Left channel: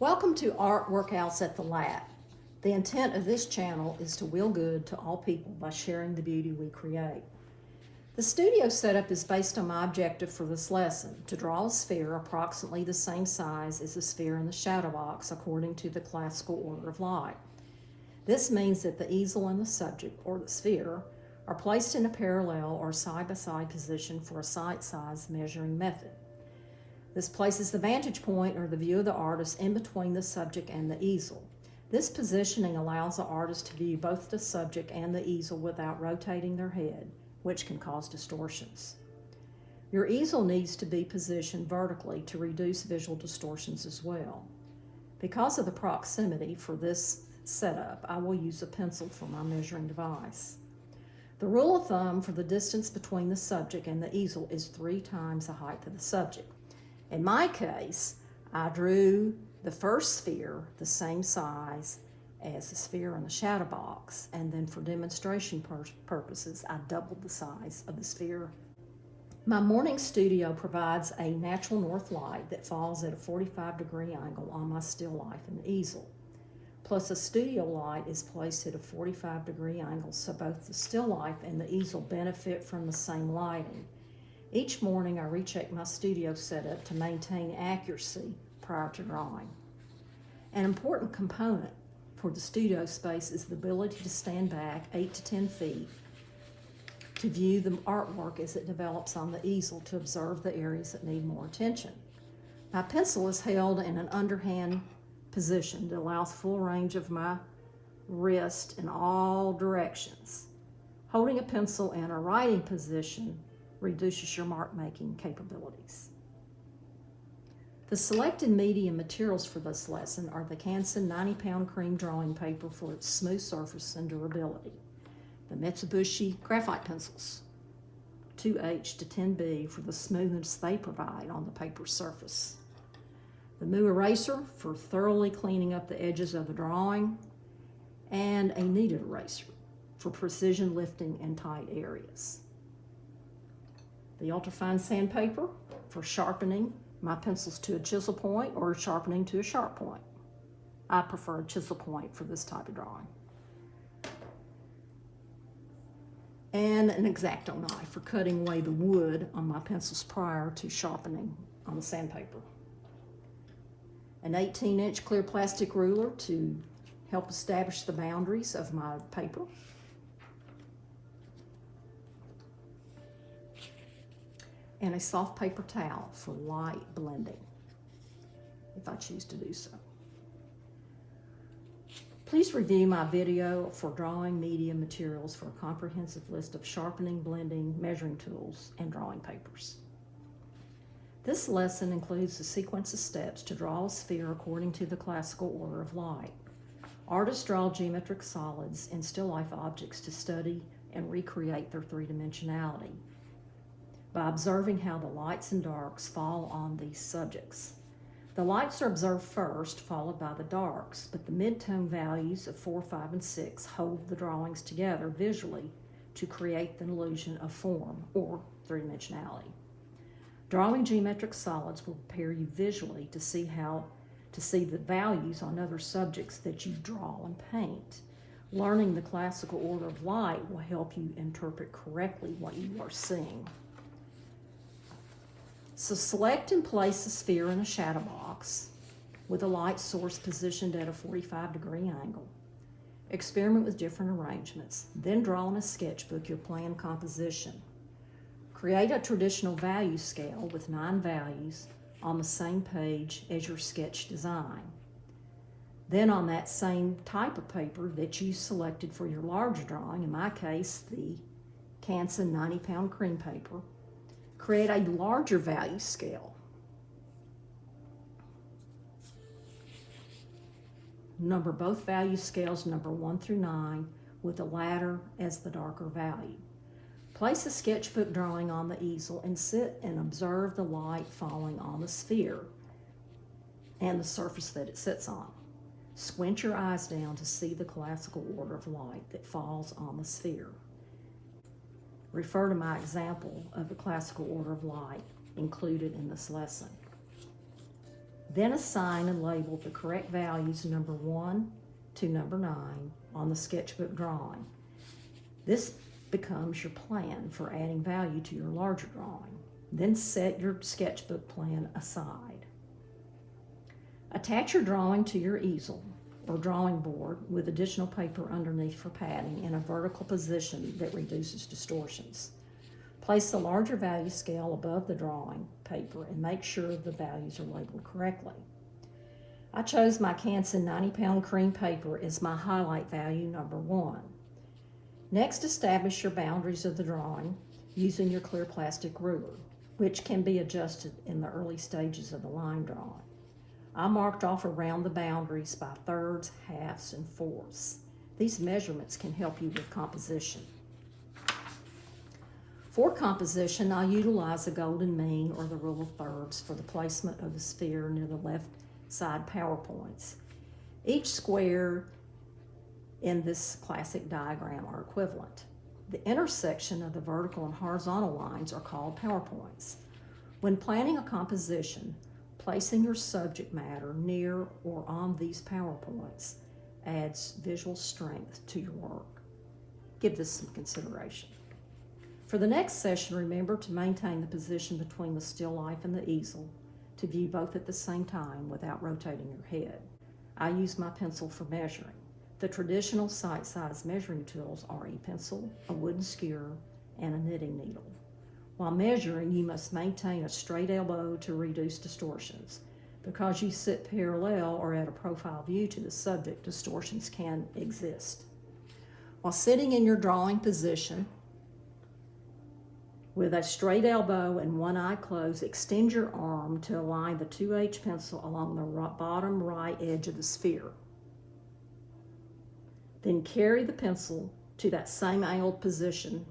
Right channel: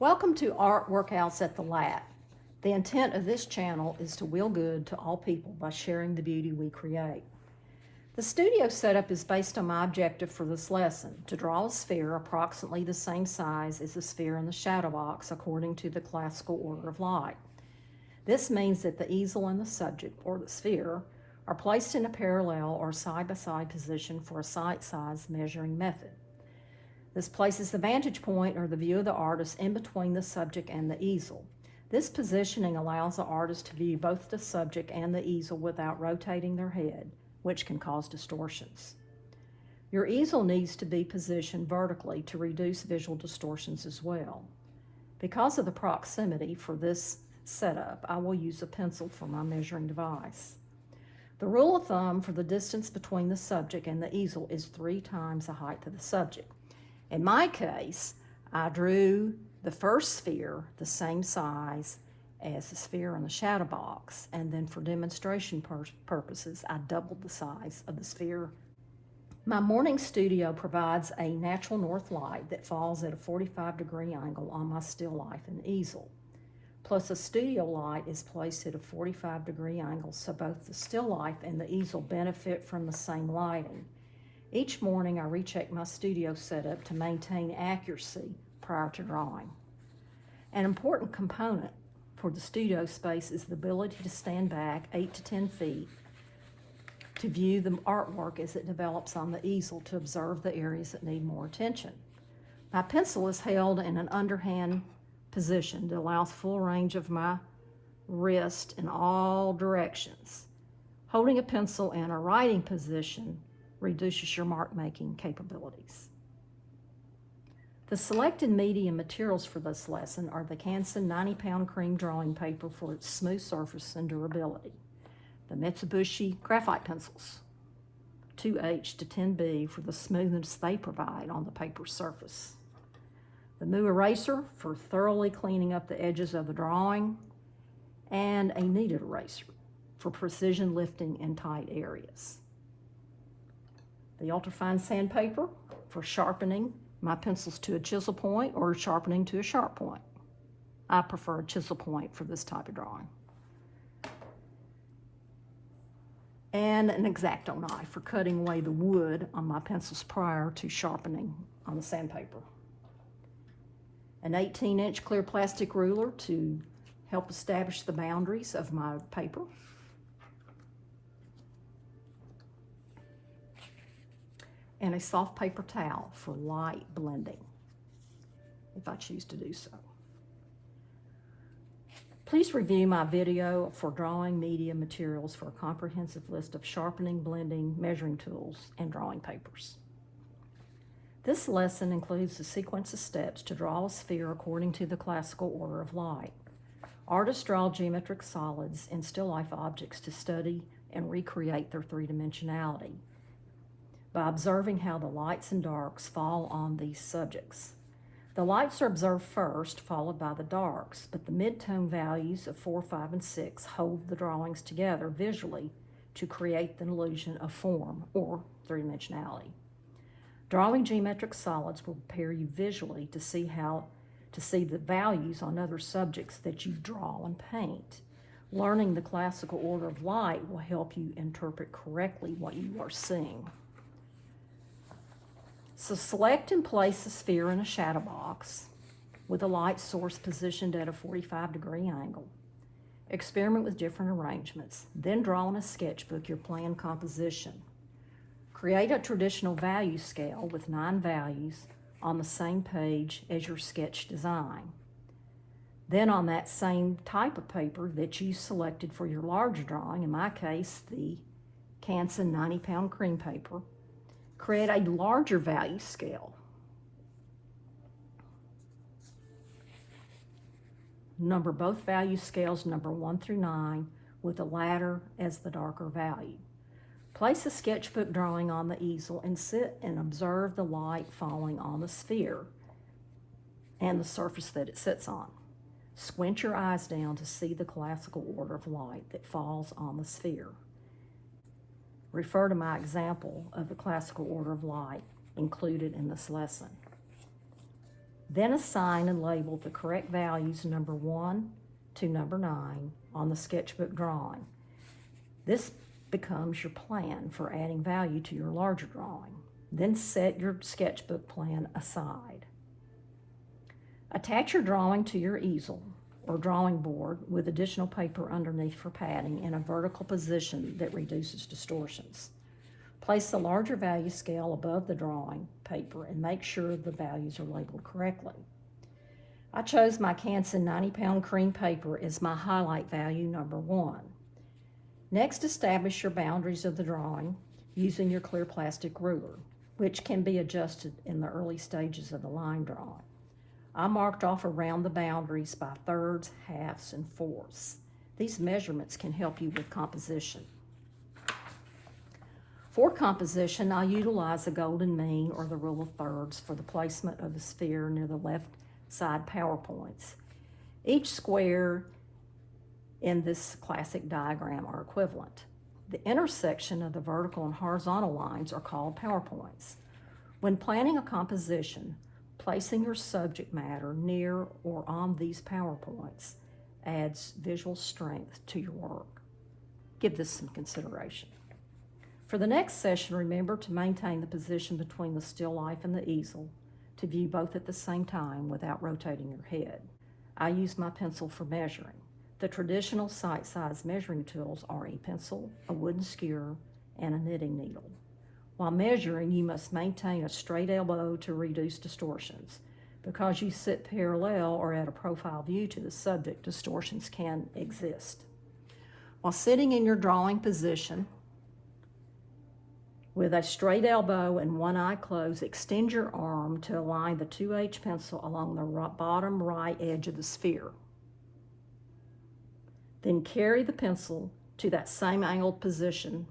Welcome to Art Workouts at the Lab. The intent of this channel is to will good to all people by sharing the beauty we create. The studio setup is based on my objective for this lesson, to draw a sphere approximately the same size as the sphere in the shadow box according to the classical order of light. This means that the easel and the subject, or the sphere, are placed in a parallel or side-by-side position for a sight-size measuring method. This places the vantage point or the view of the artist in between the subject and the easel. This positioning allows the artist to view both the subject and the easel without rotating their head, which can cause distortions. Your easel needs to be positioned vertically to reduce visual distortions as well. Because of the proximity for this setup, I will use a pencil for my measuring device. The rule of thumb for the distance between the subject and the easel is 3 times the height of the subject. In my case, I drew the first sphere the same size as the sphere in the shadow box, and then for demonstration purposes, I doubled the size of the sphere. My morning studio provides a natural north light that falls at a 45-degree angle on my still life and easel. Plus, a studio light is placed at a 45-degree angle, so both the still life and the easel benefit from the same lighting. Each morning I recheck my studio setup to maintain accuracy prior to drawing. An important component for the studio space is the ability to stand back 8 to 10 feet to view the artwork as it develops on the easel to observe the areas that need more attention. My pencil is held in an underhand position that allows full range of my wrist in all directions. Holding a pencil in a writing position reduces your mark-making capabilities. The selected media materials for this lesson are the Canson 90-pound cream drawing paper for its smooth surface and durability, the Mitsubishi graphite pencils, 2H to 10B for the smoothness they provide on the paper surface, the Moo eraser for thoroughly cleaning up the edges of the drawing, and a kneaded eraser for precision lifting in tight areas. The ultrafine sandpaper for sharpening my pencils to a chisel point or sharpening to a sharp point. I prefer a chisel point for this type of drawing. And an X-Acto knife for cutting away the wood on my pencils prior to sharpening on the sandpaper. An 18-inch clear plastic ruler to help establish the boundaries of my paper. And a soft paper towel for light blending, if I choose to do so. Please review my video for drawing media materials for a comprehensive list of sharpening, blending, measuring tools, and drawing papers. This lesson includes a sequence of steps to draw a sphere according to the classical order of light. Artists draw geometric solids and still life objects to study and recreate their three-dimensionality by observing how the lights and darks fall on these subjects. The lights are observed first, followed by the darks, but the mid-tone values of 4, 5, and 6 hold the drawings together visually to create the illusion of form or three-dimensionality. Drawing geometric solids will prepare you visually to see the values on other subjects that you draw and paint. Learning the classical order of light will help you interpret correctly what you are seeing. So select and place the sphere in a shadow box with a light source positioned at a 45-degree angle. Experiment with different arrangements. Then draw in a sketchbook your planned composition. Create a traditional value scale with 9 values on the same page as your sketch design. Then on that same type of paper that you selected for your larger drawing, in my case, the Canson 90-pound cream paper, create a larger value scale. Number both value scales, number 1 through 9, with the latter as the darker value. Place a sketchbook drawing on the easel and sit and observe the light falling on the sphere and the surface that it sits on. Squint your eyes down to see the classical order of light that falls on the sphere. Refer to my example of the classical order of light included in this lesson. Then assign and label the correct values number 1 to number 9 on the sketchbook drawing. This becomes your plan for adding value to your larger drawing. Then set your sketchbook plan aside. Attach your drawing to your easel or drawing board with additional paper underneath for padding in a vertical position that reduces distortions. Place the larger value scale above the drawing paper and make sure the values are labeled correctly. I chose my Canson 90-pound cream paper as my highlight value number 1. Next, establish your boundaries of the drawing using your clear plastic ruler, which can be adjusted in the early stages of the line drawing. I marked off around the boundaries by thirds, halves, and fourths. These measurements can help you with composition. For composition, I utilize the golden mean or the rule of thirds for the placement of the sphere near the left side power points. Each square in this classic diagram are equivalent. The intersection of the vertical and horizontal lines are called power points. When planning a composition, placing your subject matter near or on these power points adds visual strength to your work. Give this some consideration. For the next session, remember to maintain the position between the still life and the easel to view both at the same time without rotating your head. I use my pencil for measuring. The traditional sight-size measuring tools are a pencil, a wooden skewer, and a knitting needle. While measuring, you must maintain a straight elbow to reduce distortions. Because you sit parallel or at a profile view to the subject, distortions can exist. While sitting in your drawing position, with a straight elbow and one eye closed, extend your arm to align the 2H pencil along the bottom right edge of the sphere. Then carry the pencil to that same angled position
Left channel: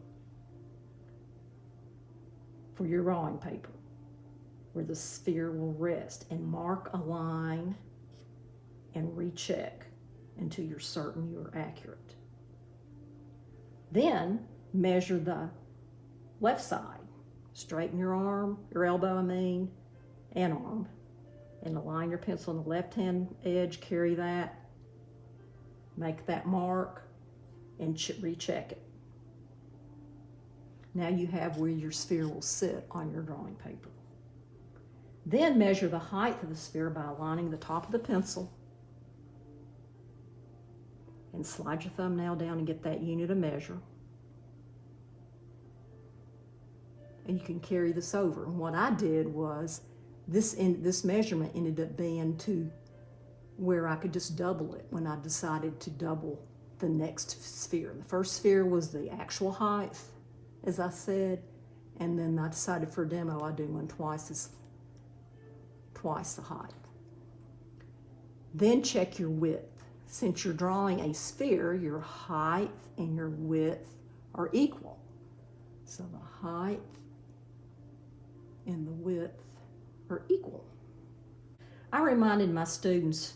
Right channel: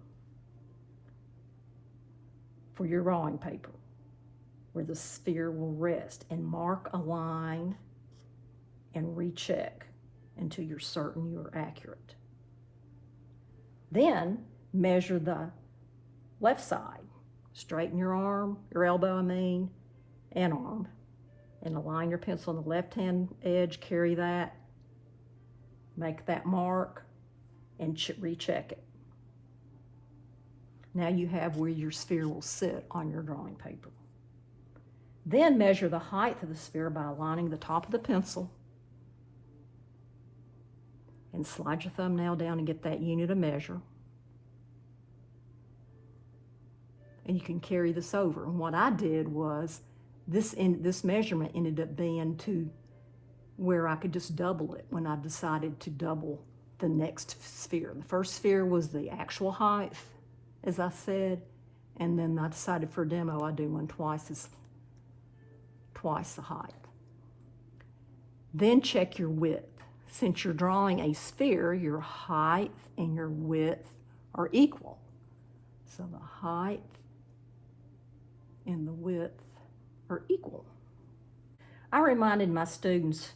for your drawing paper, where the sphere will rest, and mark a line and recheck until you're certain you're accurate. Then measure the left side. Straighten your arm, your elbow and arm, and align your pencil on the left-hand edge, carry that, make that mark, and recheck it. Now you have where your sphere will sit on your drawing paper. Then measure the height of the sphere by aligning the top of the pencil and slide your thumbnail down and get that unit of measure. And you can carry this over. And what I did was, this measurement ended up being to where I could just double it when I decided to double the next sphere. The first sphere was the actual height, as I said, and then I decided for a demo I'd do one twice the height. Then check your width. Since you're drawing a sphere, your height and your width are equal. So the height and the width are equal. I reminded my students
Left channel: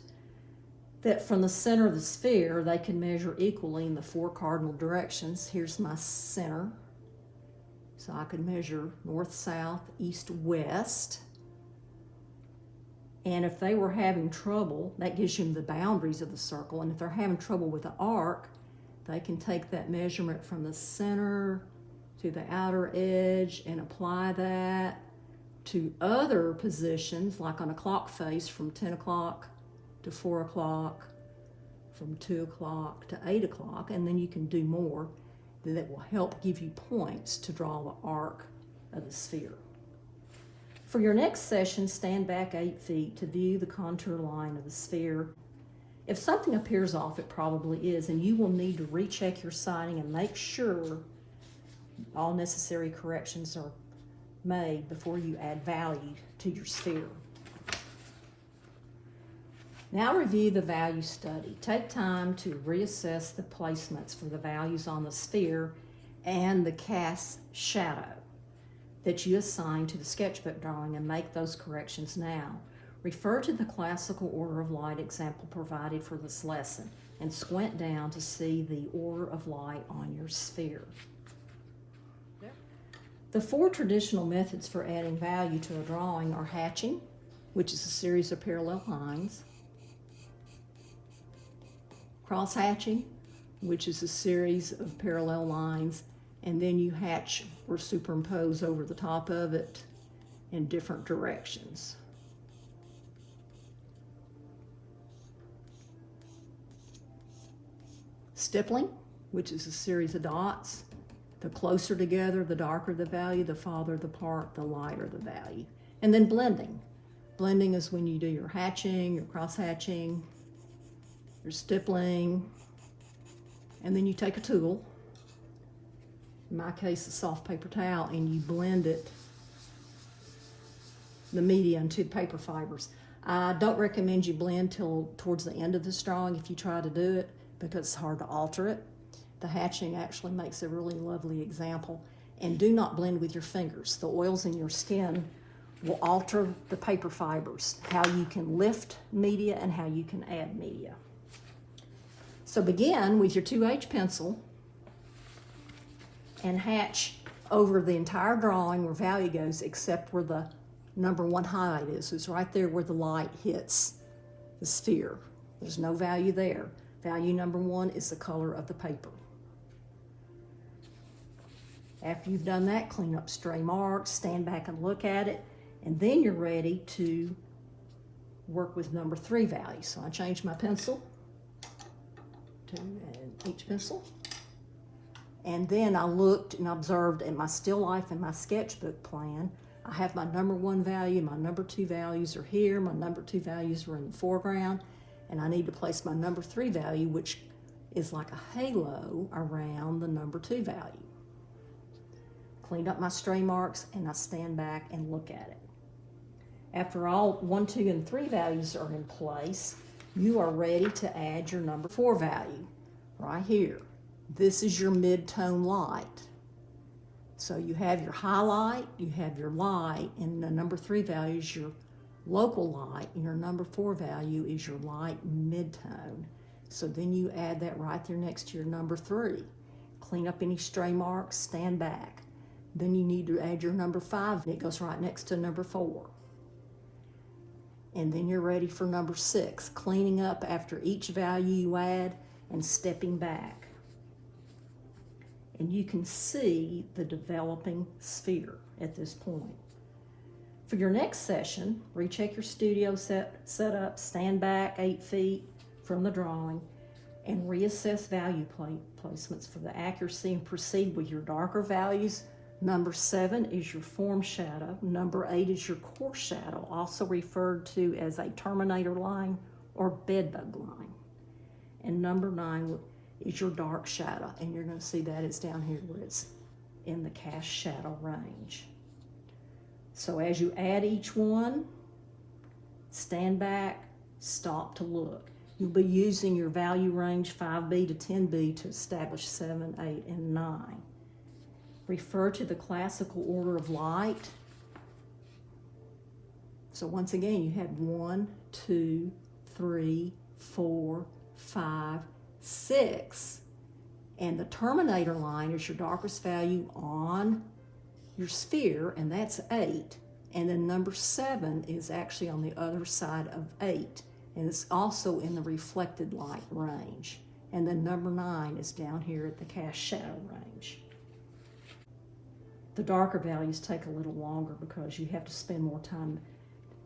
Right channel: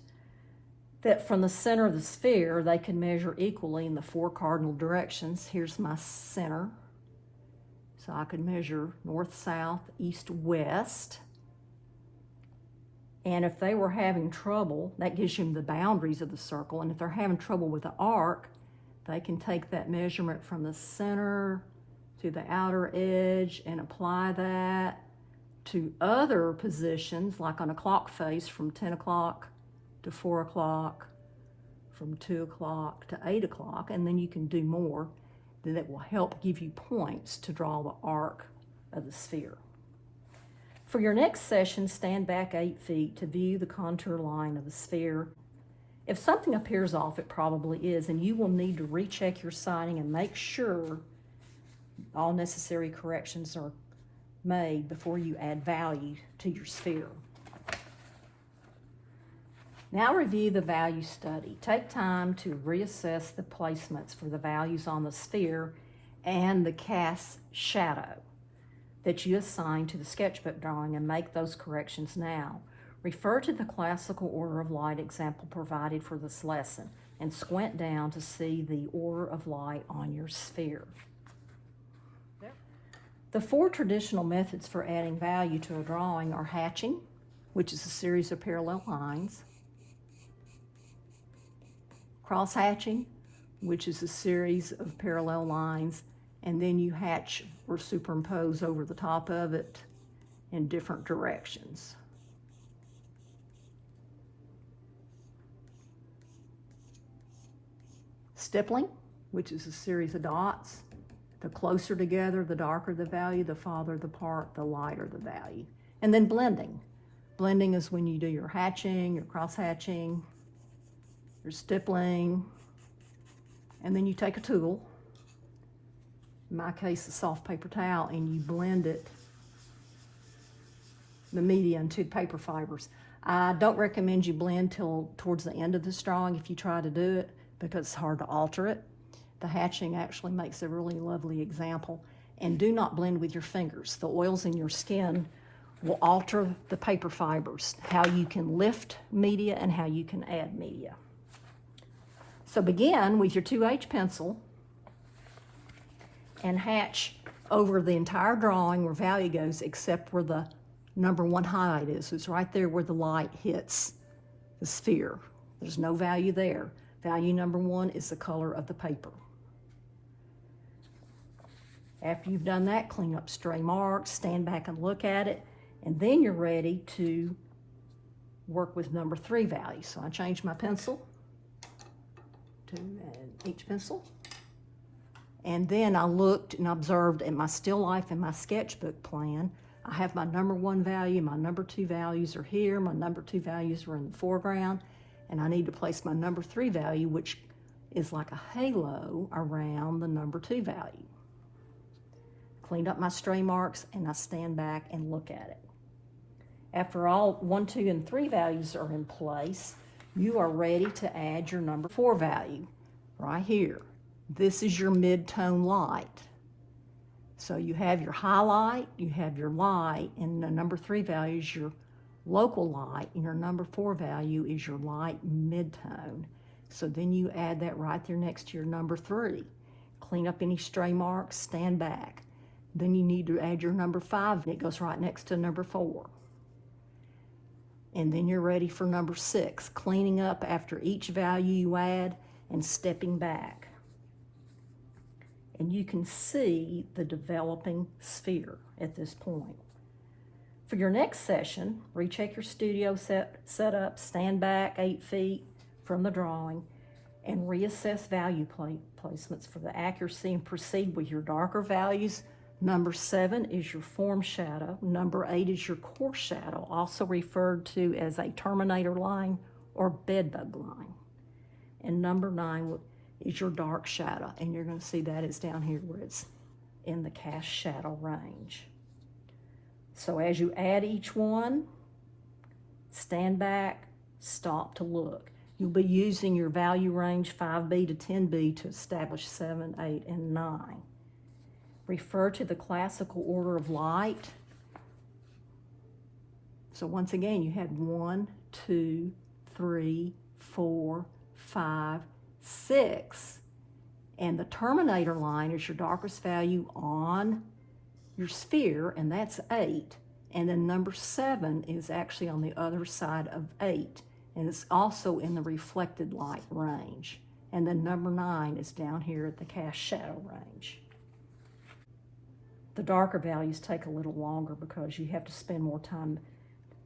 that from the center of the sphere, they can measure equally in the 4 cardinal directions. Here's my center. So I could measure north, south, east, west. And if they were having trouble, that gives them the boundaries of the circle. And if they're having trouble with the arc, they can take that measurement from the center to the outer edge and apply that to other positions, like on a clock face from 10 o'clock to 4 o'clock, from 2 o'clock to 8 o'clock, and then you can do more that will help give you points to draw the arc of the sphere. For your next session, stand back 8 feet to view the contour line of the sphere. If something appears off, it probably is, and you will need to recheck your sighting and make sure all necessary corrections are made before you add value to your sphere. Now review the value study. Take time to reassess the placements for the values on the sphere and the cast shadow that you assign to the sketchbook drawing, and make those corrections now. Refer to the classical order of light example provided for this lesson and squint down to see the order of light on your sphere. The 4 traditional methods for adding value to a drawing are hatching, which is a series of parallel lines. Cross-hatching, which is a series of parallel lines, and then you hatch or superimpose over the top of it in different directions. Stippling, which is a series of dots. The closer together, the darker the value, the farther apart, the lighter the value. And then blending. Blending is when you do your hatching, your cross-hatching, your stippling, and then you take a tool, in my case a soft paper towel, and you blend it, the media, into paper fibers. I don't recommend you blend till towards the end of this drawing if you try to do it, because it's hard to alter it. The hatching actually makes a really lovely example. And do not blend with your fingers. The oils in your skin will alter the paper fibers, how you can lift media and how you can add media. So begin with your 2H pencil and hatch over the entire drawing where value goes, except where the number 1 highlight is. It's right there where the light hits the sphere. There's no value there. Value number 1 is the color of the paper. After you've done that, clean up stray marks, stand back and look at it, and then you're ready to work with number 3 value. So I changed my pencil to each pencil. And then I looked and observed in my still life and my sketchbook plan. I have my number 1 value, my number 2 values are here, my number 2 values are in the foreground, and I need to place my number 3 value, which is like a halo around the number 2 value. Cleaned up my stray marks, and I stand back and look at it. After all 1, 2, and 3 values are in place, you are ready to add your number 4 value right here. This is your mid-tone light. So you have your highlight, you have your light, and the number 3 value is your local light, and your number 4 value is your light mid-tone. So then you add that right there next to your number 3. Clean up any stray marks, stand back. Then you need to add your number 5, and it goes right next to number 4. And then you're ready for number 6, cleaning up after each value you add and stepping back. And you can see the developing sphere at this point. For your next session, recheck your studio setup, stand back 8 feet from the drawing, and reassess value placements for the accuracy, and proceed with your darker values. Number 7 is your form shadow. Number 8 is your core shadow, also referred to as a terminator line or bedbug line. And number 9 is your dark shadow, and you're going to see that it's down here where it's in the cast shadow range. So as you add each one, stand back, stop to look. You'll be using your value range 5B to 10B to establish 7, 8, and 9. Refer to the classical order of light. So once again, you had 1, 2, 3, 4, 5, 6. And the terminator line is your darkest value on your sphere, and that's 8. And then number 7 is actually on the other side of 8. And it's also in the reflected light range. And then number 9 is down here at the cast shadow range. The darker values take a little longer because you have to spend more time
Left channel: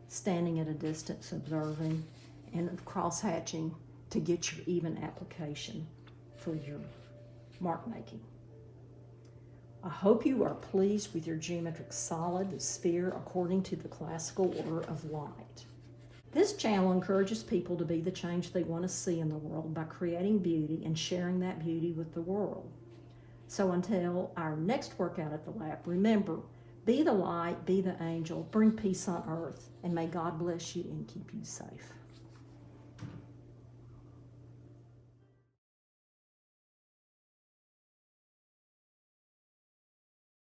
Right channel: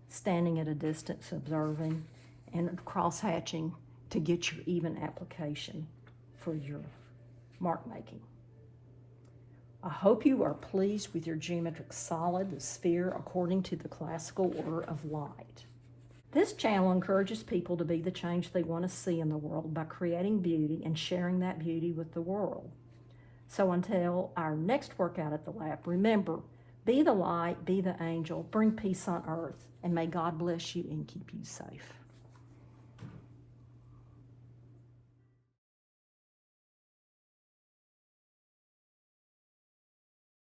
standing at a distance observing and cross-hatching to get your even application for your mark making. I hope you are pleased with your geometric solid, the sphere, according to the classical order of light. This channel encourages people to be the change they want to see in the world by creating beauty and sharing that beauty with the world. So until our next workout at the lab, remember, be the light, be the angel, bring peace on earth, and may God bless you and keep you safe.